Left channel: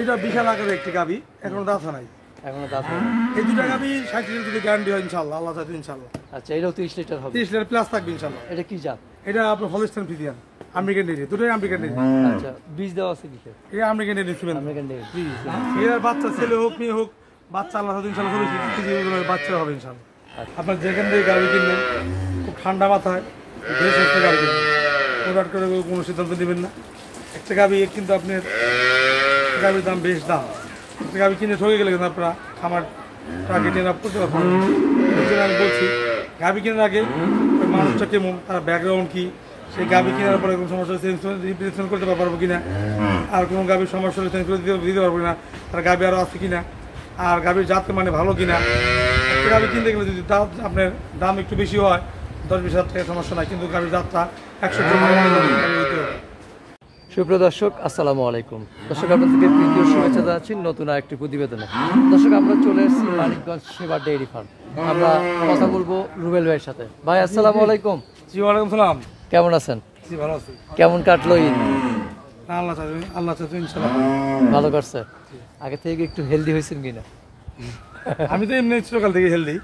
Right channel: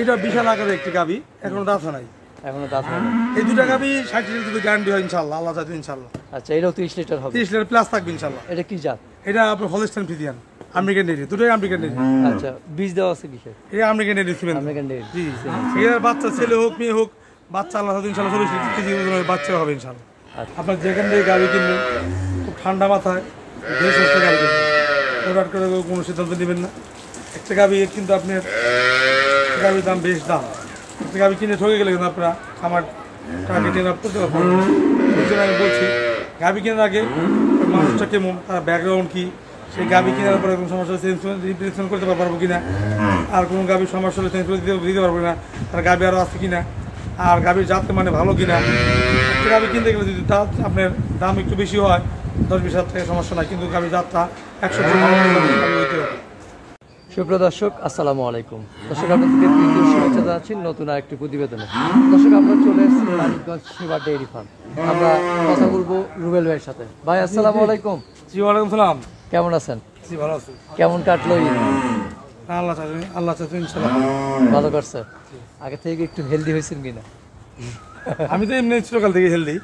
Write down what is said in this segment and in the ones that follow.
এটা বিশাল আকারের একটি গাভী, এখনো দাঁত নাই। এখনো দাঁত হয় না। এই দুটা গাভী 60 লিটার যদি গ্যারান্টি হয় ইনশাআল্লাহ, আল্লাহ চাইতে ইনশাআল্লাহ। আচ্ছা, এটাও 30 লিটার হবে? 30 লিটার প্লাস থাকবে ইনশাআল্লাহ। এটা কি জাত? এটা আপনার হলস্টাইন ফ্রিজিয়ান, আমেরিকান ডেইরি, দুটোই আমেরিকান ডেইরি। আচ্ছা, বীজ দেওয়া আছে কিসের? এটা American dairy semen. American dairy. জি, এর বাচ্চা ছেলে হোক মেয়ে হোক, বাচ্চা আল্লাহ চাইতে ইনশাআল্লাহ 40 কেজি ওজনের বাচ্চা হবে ইনশাআল্লাহ। আপনার যেখান থেকে গাভী কিনবেন খুব ঠান্ডা মাথায় বেশ হচ্ছে গাভী কিনবেন, ওটার করে কোনো সিদ্ধান্ত নেবেন না। একটা গাভী কিন্তু আপনার গাভীর দাম বেশ দাম, একটা গাভী কিনে ঠকে গেলে কিন্তু আপনারা খামার টার্গেট এনে করতে পারবেন। সেই জন্য আমি বলছি গাভী কেনার আগে মানুষটা কেমন, তার ব্যাকগ্রাউন্ড কী, সেই গাভী কেনার পরে কোনো সমস্যা রিপ্লেসমেন্ট করতে পারবো কিনা, আর কোনো গাভীর সমস্যা হলে চেঞ্জ করে দিতে পারবো কিনা, তার গাভী আরও আছে কিনা, আর গাভীর জাতের মানে ভালো কিনা। একটা গাভী কিনতে গেলে যদি দাম আপনার দাম একটু বেশি হয় 10-20 হাজার টাকা সমস্যা নাই, কিন্তু গাভীর জাতটা 100 ভালো গাভী হইতে হবে। সুপ্রিয় দর্শক, আসসালামু আলাইকুম। দর্শক, আপনাদেরকে তৃতীয় শুভেচ্ছা জানাচ্ছি নতুন আরেকটি প্রতিবেদনে। দর্শক, আমরা চলে এসেছি মানিকগঞ্জ সেবা ডেইরি ফার্ম। আমরা কথা বলবো রুবেল ভাইয়ের সাথে। ভাই, আসসালামু আলাইকুম। জি, ওয়ালাইকুম সালাম। কেমন আছেন? জি, ভালো আছি। কেমন কাটলো ঈদ? আল্লাহ চাইবে ইনশাআল্লাহ ভালো কাটছে। আগে থেকে একটু হেলদি হয়েছেন কিনা? আমি তো এমনি ছোটকাল থেকে হেলদি,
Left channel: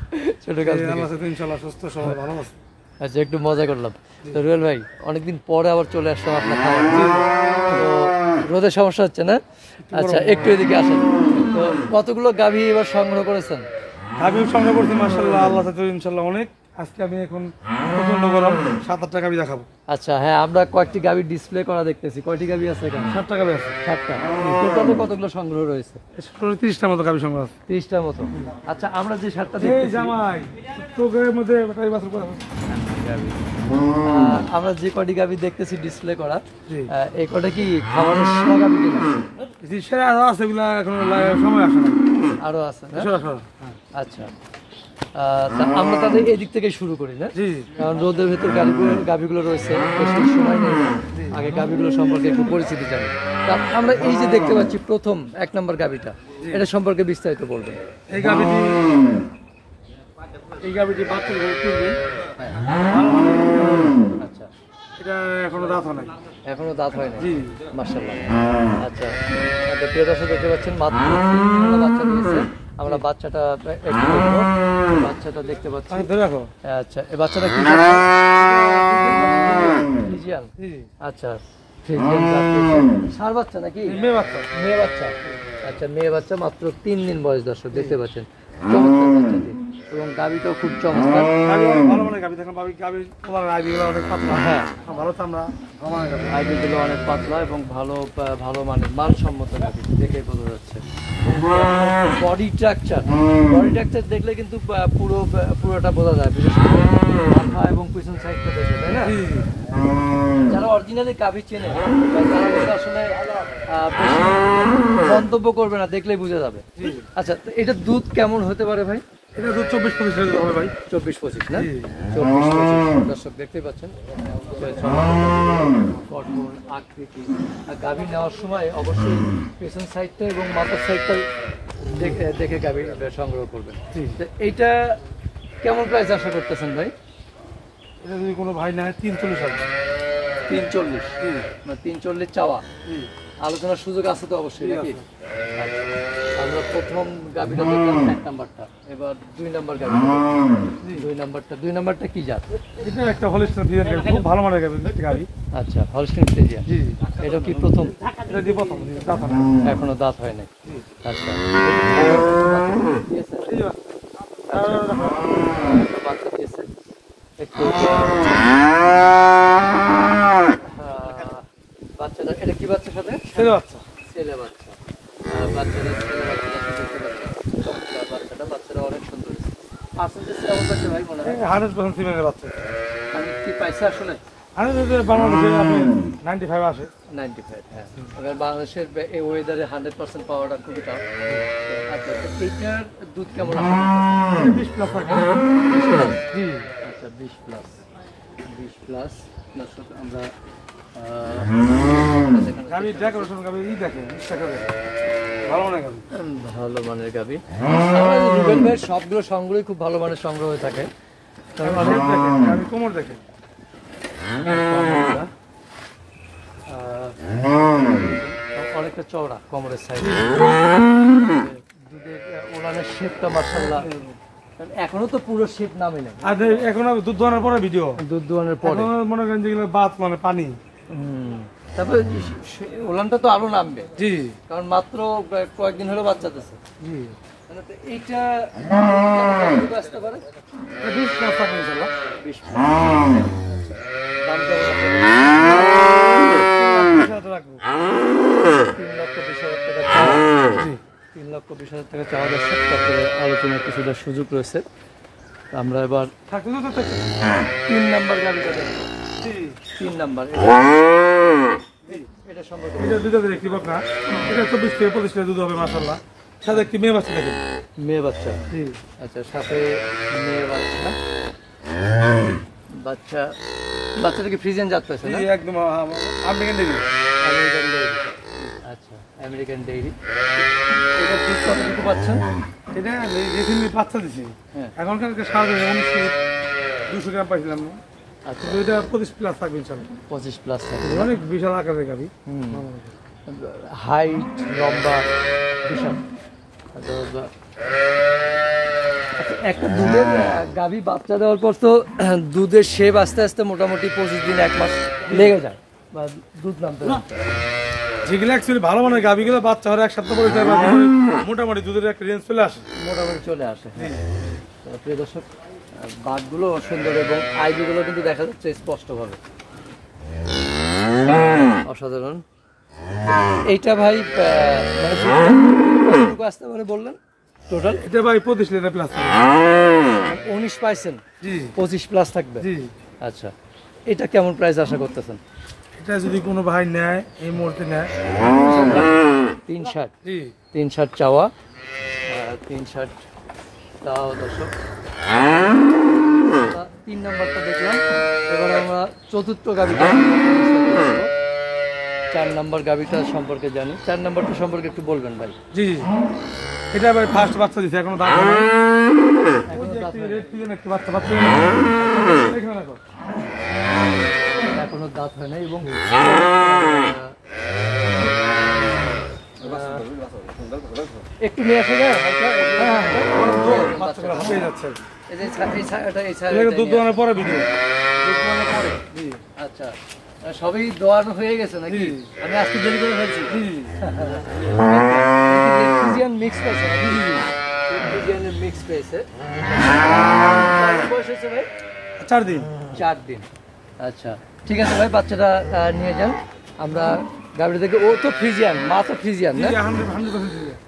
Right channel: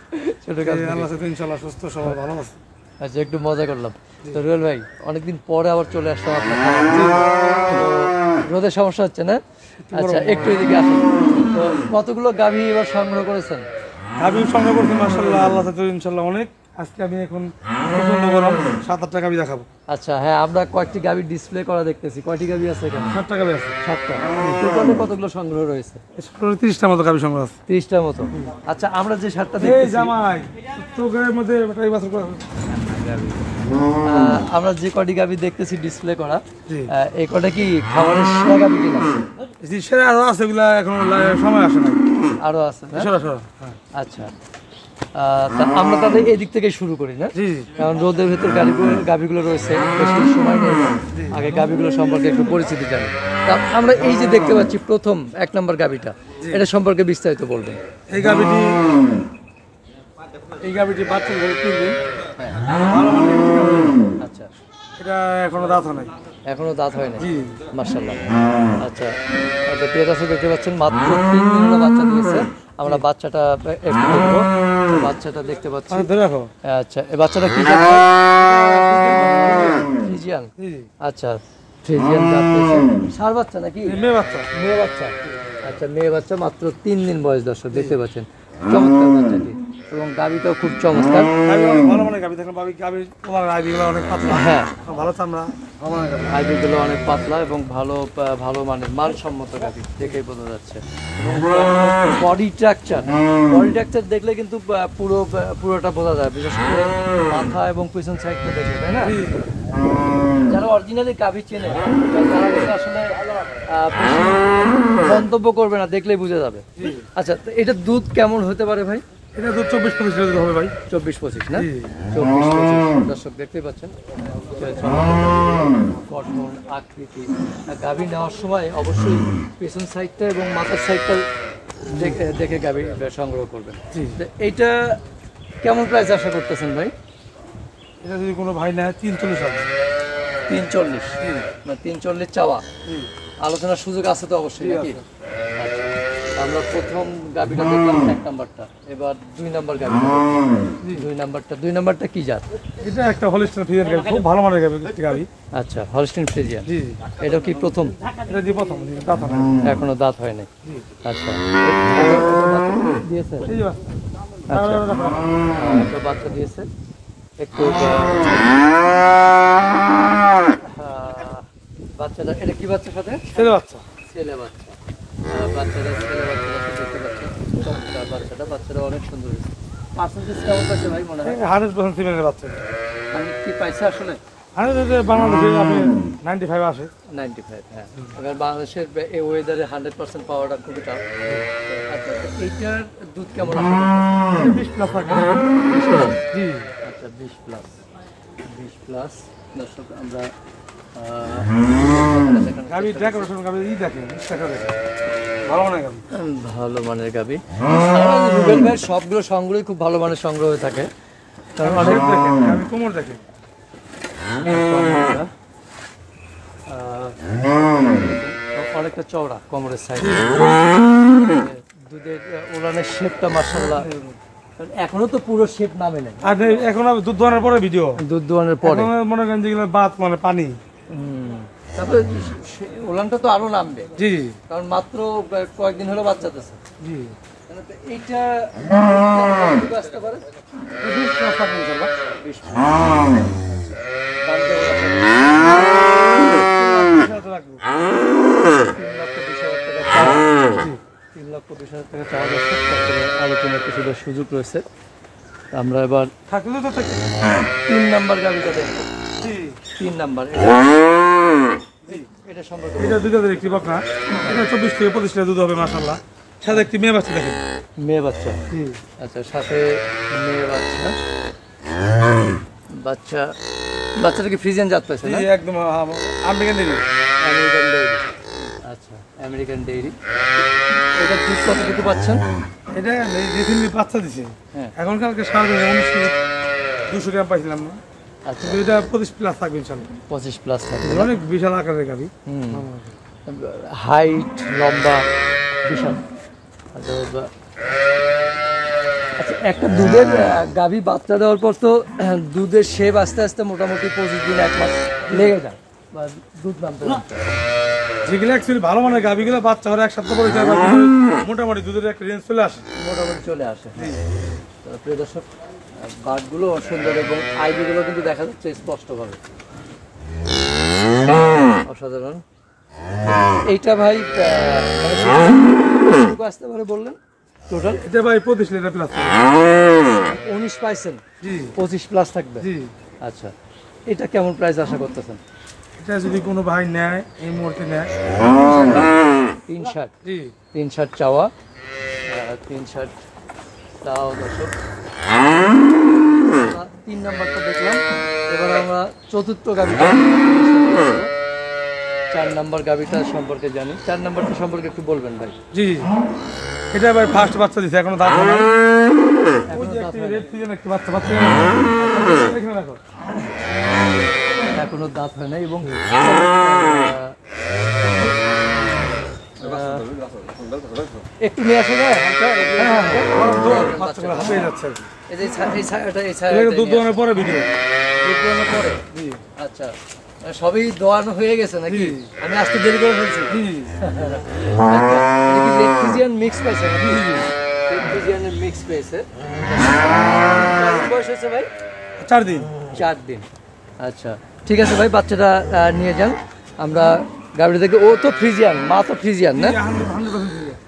ছোটকাল থেকে। আল্লাহ চাইতে ইনশাআল্লাহ সুস্থ সবল ভালো আছে। আচ্ছা, একটু মজা করলাম। তো রুবেল ভাই, অনেকদিন পরে আবার চলে আসলাম আপনার। রোদের সমস্যা হচ্ছে না? আচ্ছা, একটু এদিকে আসেন। তো কতগুলো গাভী এবার সংগ্রহ করেছেন? গাভী সংগ্রহ করছি মাশাআল্লাহ, আল্লাহ চাইতে ইনশাআল্লাহ অনেক। আজকে আমি এখন প্রচন্ড গরম 7-8টা গাভী দেখাবো। আচ্ছা, হ্যাঁ, আমরা কয়েকটি গাভী ডিসপ্লে করা দেখতেছি। কয়টি গাভী আছে এখানে? 7টা গাভী আছে। 7টা। টোটালে কতগুলো সংগ্রহ রয়েছে? 30টার মতো গাভী সংগ্রহ আছে। 30টার মতো। আচ্ছা, আমরা যে 7টা দেখতেছি, জামাই চোখের মধ্যে এই বছর আমরা যে কয়টি গাভী দেখতেছি ডিসপ্লে করা, এই কয়টা কি খাবারের সেরা গাভী কিনা? জি, সেরা আরো আছে, এগুলা এখন সময় আসে না, আরো আছে। সেরা সেরা। আচ্ছা, আমরা তাদের এদিক থেকে শুরু করি না, কারণ রোদের ভেতর গাভীগুলো রয়েছে, বেশি সময় নেই। আগে গাভীগুলো সম্পর্কে একটু পরিচিতি জানি। আমরা এই যে দেখতে পাচ্ছি প্রথম 1 নম্বর গাভীটা, এটা সম্পর্কে বিস্তারিত বলবেন। এই গাভীটি বাচ্চা কিনবে। আচ্ছা, এটা এখনো দাঁত হয় না। এখনো দাঁত হয় না? জি, মাশাআল্লাহ। আচ্ছা, প্রিয় দর্শক, দেখতে পাচ্ছেন মাত্র 3 দিনের বাচ্চা দিয়েছে। আমরা বাচ্চাটা একটু দেখবো। বাচ্চাটা দেখতে পাচ্ছি। আচ্ছা, এই বাচ্চাটা কি? ফ্রিজিয়ান। আচ্ছা, ফ্রিজিয়ান ষাঁড় বাচ্চা নাকি মেয়ে বাচ্চা? মেয়ে বাচ্চা। আচ্ছা, মেয়ে বাচ্চা, মাত্র 3 দিন বয়স। দর্শক, দেখতে পাচ্ছেন চমৎকার বাচ্চাটি, এবং গাভীটাও খুব চমৎকার। হ্যাঁ, আইডিগুলো অনেক পাতলা এবং ভালো মানের মানসম্মত গাভী, দেখেই বোঝা যাচ্ছে। বডি স্ট্রাকচার দেখলে কিন্তু পুরোটা বোঝা যায়, বিশেষ করে মাথা এবং পিছন সাইডটা দেখে, তাই না? যারা অরিজিনালি গাভী চেনে তারা আসলে মন্তব্য করবে না, দেখলেই বুঝে যাবে। আচ্ছা, তো এটা দুধ কেমন হতে পারে ভাই? এটা দুধ 24-25 লিটার হবে ভাই। 24-25 না? 24-25। দর্শক, দেখতেই পাচ্ছেন গঠন, আকৃতি। গাভী নেওয়ার সময় অবশ্যই পেছন সাইডটা এবং মাথার সাইডটা দেখে গাভী সংগ্রহ করবেন। এইটা কেমন প্রাইস আশা করতেছেন ভাই? এটা যদি কোনো ভাই নেয় 340 হবে। 340? মানে 340 চাওয়া। আলোচনার সুযোগ আছে তো অবশ্যই নাকি? আমরা প্রথম গাভীটা দেখলাম 1 নাম্বারটা, এবার 2 নাম্বার গাভী। 2 নাম্বারটা কি জাত? এটা একটা হলস্টাইন ফ্রিজিয়ান গাভী, খুব ভালো মানের গাভী। আচ্ছা, হলস্টাইন ফ্রিজিয়ান। জি, এটা কি প্রথম? এটা দিয়ে প্রথম, এখনো দাঁত হয় নাই। আচ্ছা, দিয়েছে? বাচ্চা দিয়েছে। একটু বাচ্চাটা, এটা কি বাচ্চার সাথে? ছেলে বাচ্চা। ছেলে বাচ্চা। বাচ্চারা অনেক সুন্দর। পার্সেন্টেজ কেমন পাইছে ভাই মনে হয়? 100% ফিমেলের বাচ্চা। মানে কি পাইছে আসলে? 95 আসে। 95, হ্যাঁ। এবার বাংলাদেশের এই ওয়েদারে 100% পাওয়াটা খুবই টাফ। আচ্ছা, এইটার দুধ কেমন আছে? 20 প্লাস থাকে। জি, আচ্ছা, 20 প্লাস। দর্শক, আমরা ভালো মানের গাভী। রুবেল ভাই সবগুলো সংগ্রহই খুব ভালো মানের সংগ্রহ হয়ে থাকে। অনেক অনেকটা চওড়া কোমরের সাইড, দুধের ওলানের শেপটা মাশাআল্লাহ এখনো তো পুরো শেপ নামে না। আর এখন দুধ দোয়ানোর পরে ভিডিও, দুধ দোয়ানোর পরে মনে করেন যেগুলো বাত মানে পানি। তারপরে ওলানটা তো আরো নামবে, জি কারণ মাত্র কয়েকদিন হলো বাচ্চা দিচ্ছে। জি এইটা আসতে পারে 20 প্লাস আপনি ইনশাআল্লাহ। 20 রাখবো 3,20,000 টাকা চাওয়া যাচ্ছে। তারপরে আলোচনার কিছুটা সুযোগ রয়েছে। আমরা এবার থাকলে তো থাকবে। 3 নাম্বার গাড়িটা দেখবো। জি 3 নাম্বার এটা সম্পর্কে এটা দুধের একটি বকনা, এটা 24 থেকে 25 লিটার দুধ হবে মাশাআল্লাহ। সাথে একটি মেয়ে বাচ্চা দেখেন। মেয়ে বাচ্চা, জি আচ্ছা সাথে মেয়ে বাচ্চা। বাচ্চা বাচ্চাটা কি ফ্রিজিয়ান জাত পাইছে না? জি একদম আমেরিকান ডেইরি। আমেরিকান ডেইরি, আচ্ছা আমেরিকান ডেইরি। এটা দুধ কতটুকু পাচ্ছেন? এটা রিসেন্টলি বাচ্চা দিছে, হ্যাঁ। এখন কালকে সারা 19 কেজি 200 গ্রাম পাইছিলাম না। আচ্ছা কিন্তু এটা 25 প্লাস থাকবে ইনশাআল্লাহ। 25 প্লাস থাকে। অনেক বিশাল আকারের গাড়ি। হাইট লম্বা বিশাল। আচ্ছা একটা দুধের গাভী বাচ্চা দেওয়ার পর তো দুধের শেপ আস্তে আস্তে মোটামুটি 25 দিন 1 মাস লেগে যায় বা দুধ নামতে নামতে। যেগুলো অ্যাকচুয়ালি ভালো মানের গাভিগুলো বাচ্চা হলে 1 সপ্তাহ পরে মোটামুটি দুধের একটা রেঞ্জ চলে আসে। মোটামুটি চলে আসে। তো প্রিয় দর্শক, বাঘগুলো সুন্দর এবং আইবিগুলো কিন্তু দেখা যাচ্ছে স্পষ্টভাবে, অসাধারণ। এইটা ভাই আসতে পারে বললেন টোটাল? এটা ভাই 25 লিটার প্লাস। 19 পাইছেন, জি 25 প্লাস থাকবে। জি আচ্ছা এটা কেমন প্রাইস আশা করতেছেন? এটা যদি কোনো ভাই নেয় এই মুহূর্তে নেয় 360, জি 360 চাওয়া, 360 চাওয়া দর্শক। 3 নম্বরটা দেখলাম। এবার আমরা চতুর্থ গাভিটা 4 নম্বর গাভিটা সম্পর্কে জানি। 4 নম্বরটা সম্পর্কে একটু বলবেন ভাই। জি এটা ভাই ফার্স্ট বাচ্চা দিছে, এখনো দাঁত হয় না। এখনো দাঁত হয় রেড ফিজেন একটি বাচ্চা বাচ্চা এখানে রাখো। এখনো দাঁত হয় না এবং একটু নিয়ে আসে যায় বাচ্চাগুলো হবে যাচ্ছে আর কি। এই যে এই ছায়াটা এগুলো দুধ দোয়ানোর পরে ভিডিও। পরে। আচ্ছা সবই দোয়ানো হয়ে গেছে নাকি? জি। আমি আজকে দেরি করে ফেলছি। জি ফিজিয়ান মিক্স পেয়েছে, ফিজিয়ানের মিক্স পেয়েছে। বয়স হয়েছে ভাই 4 দিন। 4 দিন। আচ্ছা ঠিক আছে ভাই, বাচ্চাটা নিয়ে যান। আমরা গাড়ি থেকে, ও তো ফ্রিজিয়ান, মা তো ফ্রিজিয়ান না?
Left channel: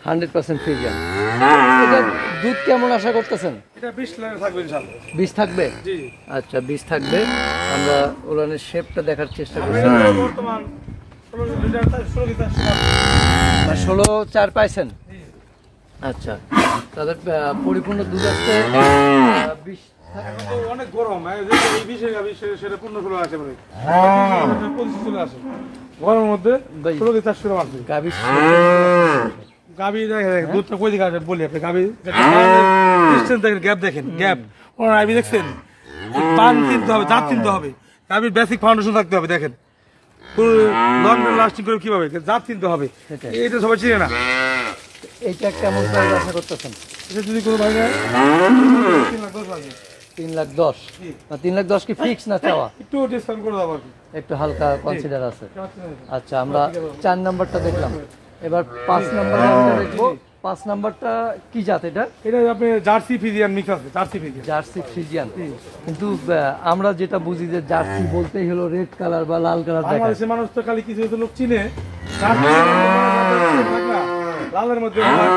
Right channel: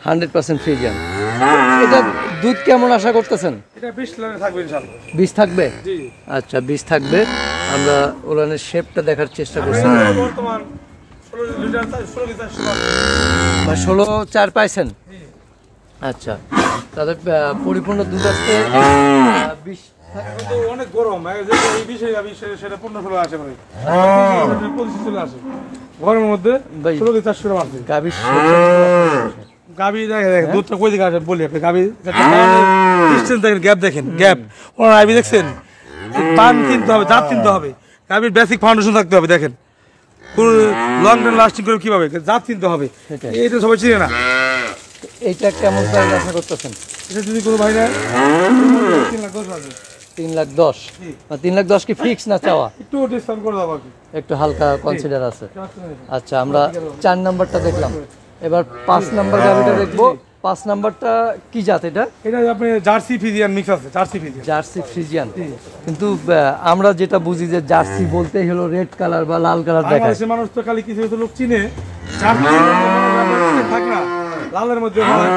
100% ফ্রিজিয়ান। এটা দুধ কেমন আশা করতেছেন? এটা 20 লিটার থাকবে ইনশাআল্লাহ। 20 থাকবে? জি আচ্ছা 20 থাকবে। আমরা ওলানের শেপটা দেখার চেষ্টা করছি। বর্তমান 16 লিটার 16 লিটার 16-4 পাইছেন? আচ্ছা তাহলে পরিপূর্ণ দুধ আসতে 20 এখন তো অনেক গরম, এই বিষয়ে সেটা 15-16 আসে বলে 25 চলে আসে গরমের মধ্যে। ভাই 16 লিটার 4 আসে গাভীর গাভি। দেখেন দুধটা কই দিকে আসে বলি আপনি। গাভি ডিসটেন্স দেখেন, গ্যাপ দেখেন, গ্যাপ। ওনার আইবি দেখছেন, টান কিনতে হবে, দাঁত কিনতে হবে, গাভির বেসিক ফাউন্ডেশন থাকতে হবে। দেখেন পুরো লং টাইম লাস্টিং করে কিভাবে দাঁত কিনতে হবে, সেটাই। এইটা সবাই চিনে না। এইটা কেমন প্রাইস আশা করতেছেন? এটা যদি কোনো ভাই না 3,10,000 আসবে। 3,10,000। 3,10,000 কি ফিক্স না চাওয়া? একটু ডিসকাউন্ট করে দেবো আর কি। একটু হালকা কনসিডার আছে। আচ্ছা আমরা 4 নাম্বারটা দেখলাম, এবার 5 নাম্বার গাভিটা দেখবো। 5 নাম্বারটা কি জাত এটা? এটা আপনি জার্সি ফিজিয়ান মিক্স আছে, জার্সি ফিজিয়ান। Jersey Friesian. কিন্তু আমরা যেটা বুঝি যে জার্সি বলতেই হলো রেড কালার বা লাল কালার দেখায়। বাংলাদেশের মানুষ তো খালি কিছু কিছু লোক চিনে জার্সি থাক না, লালের মধ্যে হয়,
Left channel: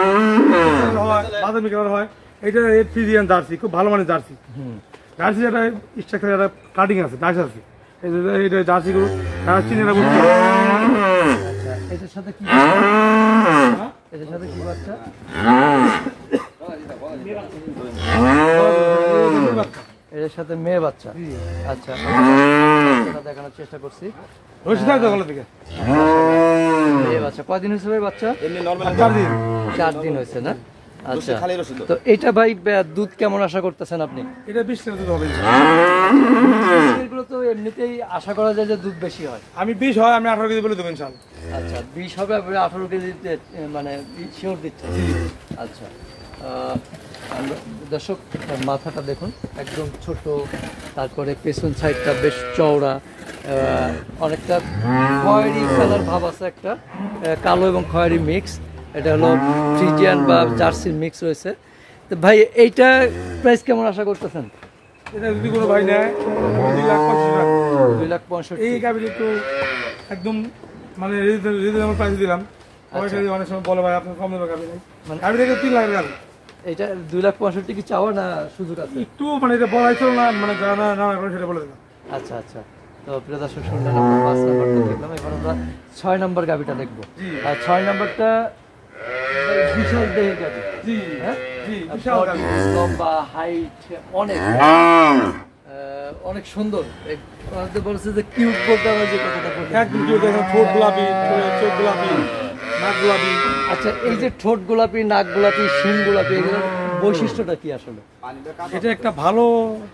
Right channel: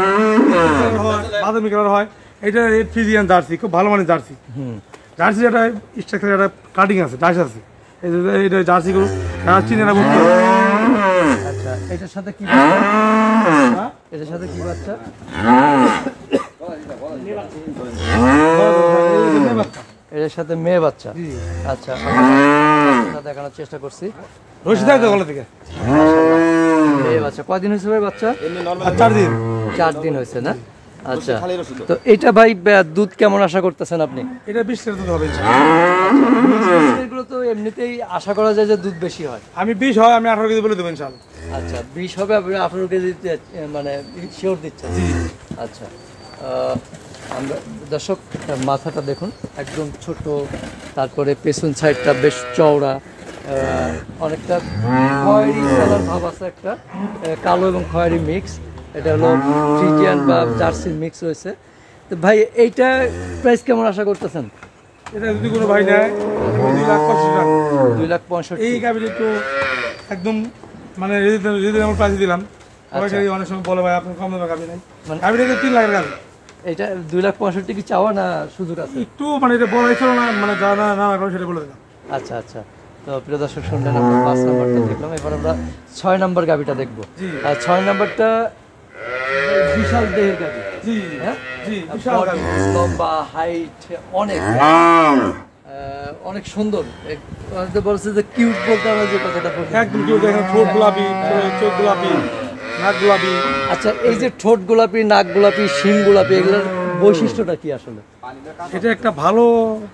বাদামি কালার হয়। এটা রেড ফিজিয়ান জার্সি, খুব ভালো মানের জার্সি। জার্সি একটা স্ট্রাকচার, একটা কাটিং আছে, ডাইস আছে। এটা জার্সি গরু চিনে না বলতে। আচ্ছা এটার সাথে কি বাচ্চা? এটার সাথে কি বাচ্চা? এর সাথে মেয়ে বাচ্চা। আচ্ছা আমরা দেখানোর চেষ্টা করছি। রশিদ আছে গলা থেকে। মেয়ে বাচ্চা কয়দিন হয়েছে ভাই বাচ্চা? 4 দিন। 4 দিন হয়েছে না? আচ্ছা তো এটা ভাই দুধ কেমন আশা করতেছেন আপনি? এটা 20 লিটার দুধ হবে। এগুলো তো এমনিতেই আশা করা যায় যে দুধ বেশি হয়। আমি 20 হয়, আমি 18 কেজি বলে দেবো ইনশাআল্লাহ। আচ্ছা 20 হবে, আপনি 18 কেজি মানে শিওর দিচ্ছেন। আচ্ছা আমরা দর্শক মাথাটা দেখুন একদম ছোট, তারপরে পেছন সাইডটা বেশ চওড়া, অনেকটা খয়েরি কালার ভাব আছে, একটা কালো এবং খয়েরি মিক্স। এটা হলো ফ্রিজিয়ান বা জার্সির মিক্স রয়েছে। তো ভাই এইটা প্রাইস কেমন আশা করতেছেন? এটা যদি কোনো ভাই নেয় 2,65,000। এই গাভীর একটু একদম মানে যদি আমরা প্রাইস দিলাম অনেক সময় বলে ভাই আপনার কম দামে গাভী নাই, মানে গাভীটা 3 লাখের গাভী। এটা 2,65,000 কি চাওয়া না সুযোগ আছে? একটু মানে এটা বলাই ছিল না, মানে যা না না করে সেটা বলে দিলাম। আচ্ছা আচ্ছা, তো প্রিয় দর্শক শুনলেন, আমরা 5 নম্বরটা দেখলাম, এবার আমরা 6 নম্বর গাভিটা দেখবো। আর 6 নম্বরটা বিশাল দেহের গাভি। জি হ্যাঁ জি, বিশাল গাভী। লম্বা, হাইট অনেক অনেক সুন্দর। বলছে যে কিউট বলতে আমরা যে কথাটা বলি, একদম কেউ দেখেন ঠোঁট গোলাপি, চোখ গোলাপি, নাক গোলাপি। আচ্ছা এই যে ঠোঁট গোলাপি, নাক গোলাপি, শিং গোলাপি, এগুলোর বৈশিষ্ট্যটা কি আসলে? এটা একটা ভালো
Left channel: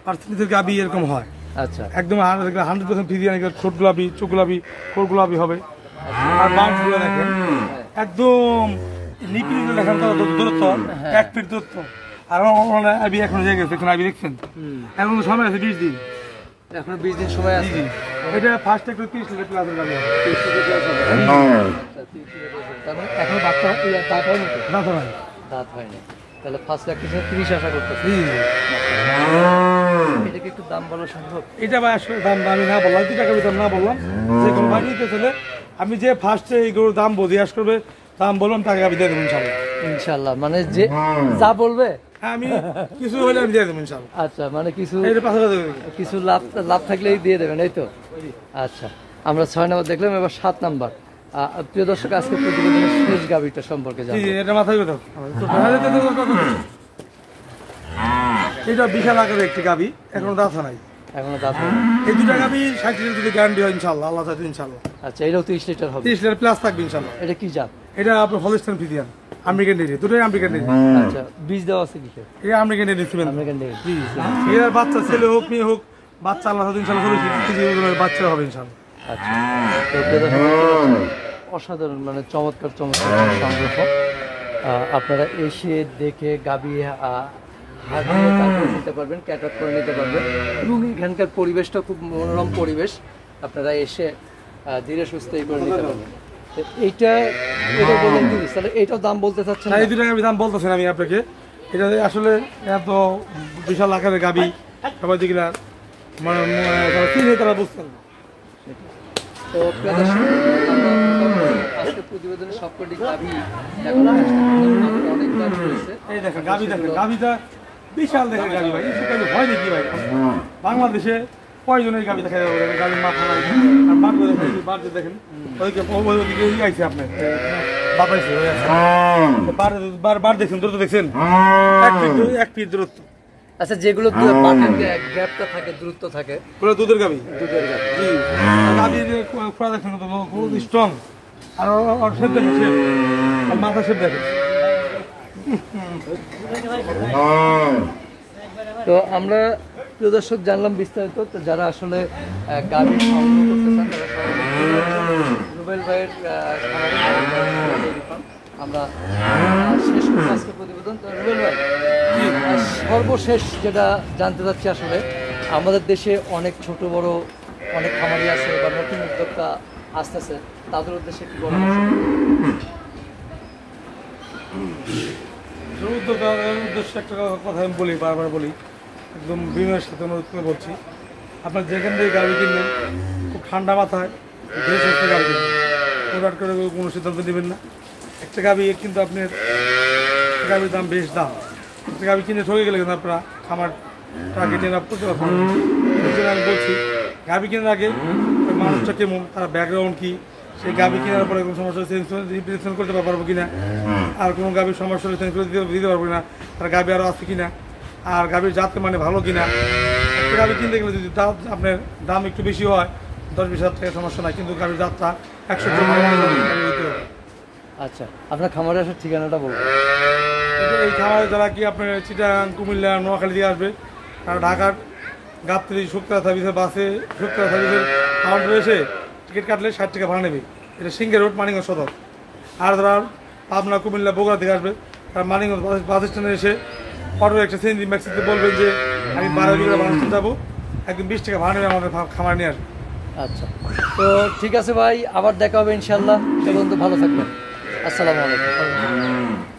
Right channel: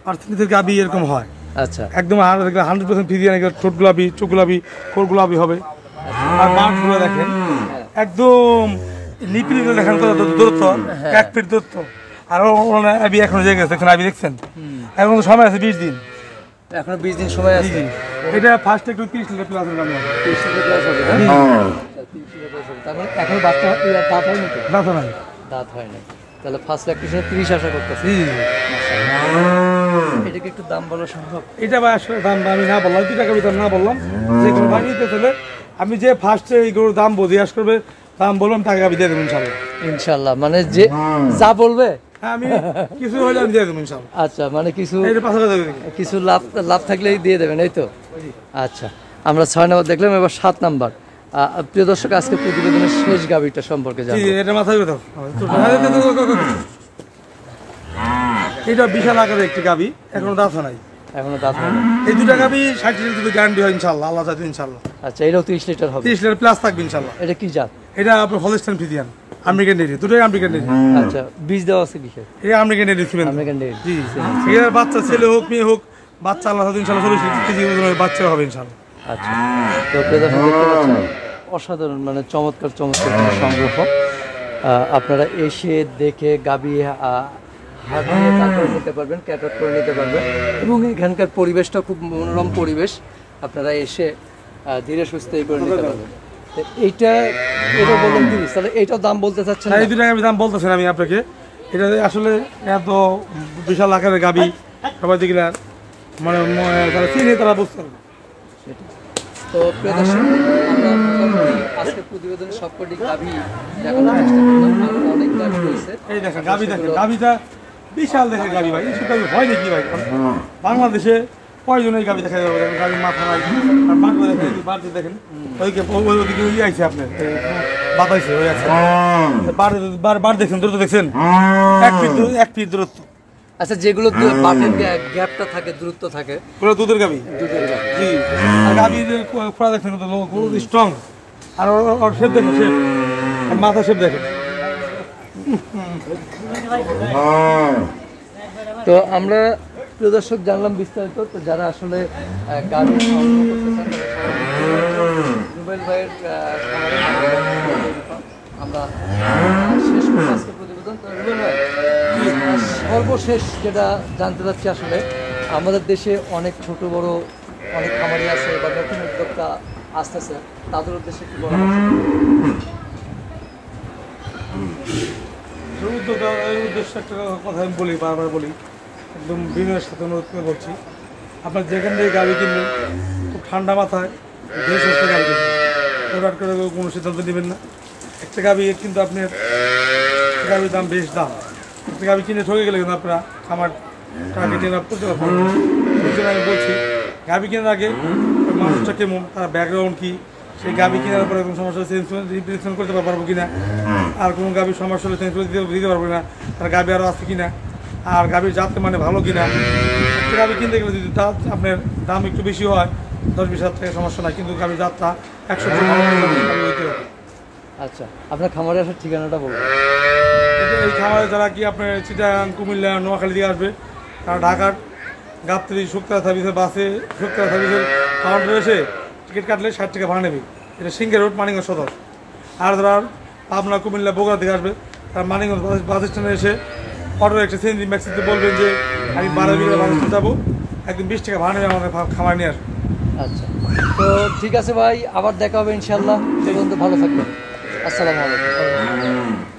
পার্সেন্টেজের গাভী এরকম হয়। আচ্ছা একদম 100% ফিজিয়ান, ঠোঁট গোলাপি, চোখ গোলাপি, ঠোঁট গোলাপি হবে। আর বাঁটগুলো দেখেন একদম লিপিড দেখেন তো দূরত্ব 1 ফিট দূরত্ব। আর আবি এখন জেগে গেছে, দেখছেন আবি দেখছেন, এখন সময় আছে 20 দিন, এখনো 20 দিন সময় আছে। এটা ফার্স্ট একটু 30 লিটার প্লাস দাম হবে। 30 লিটার প্লাস হবে। তার মানে এখন বাচ্চা দাঁত হয় নাকি? দাঁত নাই, দাঁত হয় না, তাহলে ফার্স্ট প্র্যাকটিসে 30 আশা করতেছি। এটাকে একটু দাম বলা সম্ভব? এটা ভাই আসলে দাম আমি না বললাম, 2 টাকা দাম না বললাম, যে কোনো বাকি তো তাহলে আমি যে ফার্স্টে এই গরুর দাম জিজ্ঞাসা করবে, দাম বললাম টাকা আমি দিয়ে দেবো ইনশাল্লাহ। ইনশাল্লাহ মানে যে যা বলবে আমি কিছু হলে আমি দিয়ে দেবো ইনশাল্লাহ। আচ্ছা মানে কিছু এটা 5,000 দেবে। কিছু লাভ থাকলেই দিয়ে দেবেন, এই তো? আচ্ছা আমরা 6 নম্বর দেখলাম, এবার 7 নম্বর। প্রিয় দর্শক, আজকে প্রতিবেদনের শেষ গাভীটা সম্পর্কে জি জানবো। এটা মাথায় দাও। এটা বিশাল আকারের একটি গাভী, এখনো দাঁত নাই। এখনো দাঁত হয় না। এই 2টা গাভী 60 লিটার যদি গ্যারান্টি হয় ইনশাল্লাহ, আল্লাহ চাইতে ইনশাল্লাহ। আচ্ছা এটাও 30 লিটার হবে? 30 লিটার প্লাস থাকবে ইনশাল্লাহ। এটা কি জাত? এটা আপনার হলস্টাইন ফ্রিজিয়ান, আমেরিকান ডেইরি, দুটোই আমেরিকান ডেইরি। আচ্ছা বীজ দেওয়া আছে কিসে? এটা আমেরিকান ডেইরি ছিলেন। American dairy. জি এর বাচ্চা ছেলে হোক মেয়ে হোক, বাচ্চা আল্লাহ চাইতে ইনশাল্লাহ 40 কেজি ওজনের বাচ্চা হবে ইনশাল্লাহ। আচ্ছা তো প্রিয় দর্শক দেখতে পাচ্ছেন, অসাধারণ মানে চমৎকার চমৎকার সংগ্রহ। আপনারা এসে দেখে গাভী হাট নিয়ে তারপর নিতে পারবেন, ক্যাটার করে নিতে পারবেন, এবং এখানকার পরিবেশটা খুব মনোরম পরিবেশ, আপনারা এসে ধীরে সুস্থে করে নিতে পারবেন। তো এটা বললেন 30, তাহলে এইটাও দাম বলতে চাচ্ছেন? এই 2 টাকা দাম বলতেছেন আমি আপনাকে। এটা আসলে এত বিশাল আকারের গাভী সবাই দেখি না, মানে যারা চিনে তারা বুঝতে পারবে। তো প্রিয় দর্শক, আমরা মোটামুটি আজকে প্রতিবেদনে সবকটি গাভী দেখানোর চেষ্টা করলাম। আরো অনেক গাভী রয়েছে। এই দেখেন গাভী, দেখেন গাভীটা বিশাল দেখে গাভী ভাই, এইসব গাভী হয় নাকি ভাই? বাংলাদেশে কয়জন এই গাভী দেখা যাবে? গাভীর মাথা নাই, আর বাঁটগুলো দেখেন, বাঁটগুলো দেখেন ওইদিকে ওইদিকে আইছে আপনার বাতাইছে হয়ে আছে। বার দেখছেন, দূরত্ব দেখছেন 1 ফিট দূরত্ব। আচ্ছা যেগুলো বাটের গ্যাপটা থাকে, দূরত্ব থাকে, পুরো দুধের গাভী। দুধের গাভী। জি আর গাভীর খোড়া দেখছেন খুব স্ট্রং, আর ওর শেপ দেখেন, শেপ আর মাথা শেপ দেখেন। তো আমরা প্রিয় দর্শক জানলাম বিস্তারিত। তো যারা আসলে গাভী সংগ্রহ করতে চান, রুবেল ভাইয়ের খামারে আমরা শেষ করবো আজকে প্রতিবেদন। তো রুবেল ভাই, সর্বশেষ যেটা জানতে চাচ্ছি, আসলে আমাদের দেশে অনেক ছোট বড় অনেক খামারি আছে বা নতুন উদ্যোক্তা আসতেছে, তাদের উদ্দেশ্যে কি বলবো? উদ্দেশ্যে একটা কথা আমি বলি, বারবার বলি, একদম বিনয়ের সাথে অনুরোধ করে বলছি, আপনার যেখান থেকে গাড়ি কিনবেন খুব ঠান্ডা মাথায় ধীরে সুস্থে গাড়ি কিনবেন, প্রোডাক্ট করে কোনো সিদ্ধান্ত নেবেন না। একটা গাড়ি কিন্তু আপনার গাড়ির দাম বেশ দাম, একটা গাড়ি কিনে ঠকে গেলে কিন্তু আপনারা খামার টার্গেট নিয়ে করতে পারবেন। সেই জন্য আমি বলছি, গাড়ি কেনার আগে মানুষটা কেমন, তার ব্যাকগ্রাউন্ড কী, সেই গাভী কেনার পরে কোনো সমস্যা রিপ্লেসমেন্ট করতে পারবো কিনা, আর কোনো গাভীর সমস্যা হলে চেঞ্জ করে দিতে পারবো কিনা, তার গাভী আরও আছে কিনা, আর গাভীর জাতের মানে ভালো কিনা। একটা গাভী কিনতে গেলে যদি আপনার দাম একটু বেশি হয় 10-20 হাজার টাকা সমস্যা নাই, কিন্তু গাভীর জাতটা 100 ভালো গাভী হইতে হবে। আচ্ছা আপনার খামারে আসার ঠিকানাটা বলুন। এই খামারে যারা কি আপনার চিটাগাং, কুমিল্লা, নোয়াখালী দিয়ে আসবে, তারা ঢাকার গাবতলী শুক্তারা সার্ভিসের বাসে, শুক্তারা সার্ভিসের কাউন্টারে এসে টিকিট কাটলে 60 টাকা ভাড়া নেবে। এটা সিংহের রোড মানিকগঞ্জ সদর। আর যারা পাবনা কুমিল্লা বগুড়া থেকে আসবে তারা মানিকগঞ্জ বাস স্ট্যান্ডে এসে অটো একটা সিএনজি ম্যাক্সিতে বলবেন যে আমি 12 বিঘা বাস যাবো, একদিন 20 টাকা ভাড়া নেবে আমাদের খামার নিয়ে আসবে। আচ্ছা, তো ঠিক আছে ভাই, আবার দেখা হবে ইনশাল্লাহ। সে পর্যন্ত ভালো থাকবেন। আসসালামু আলাইকুম।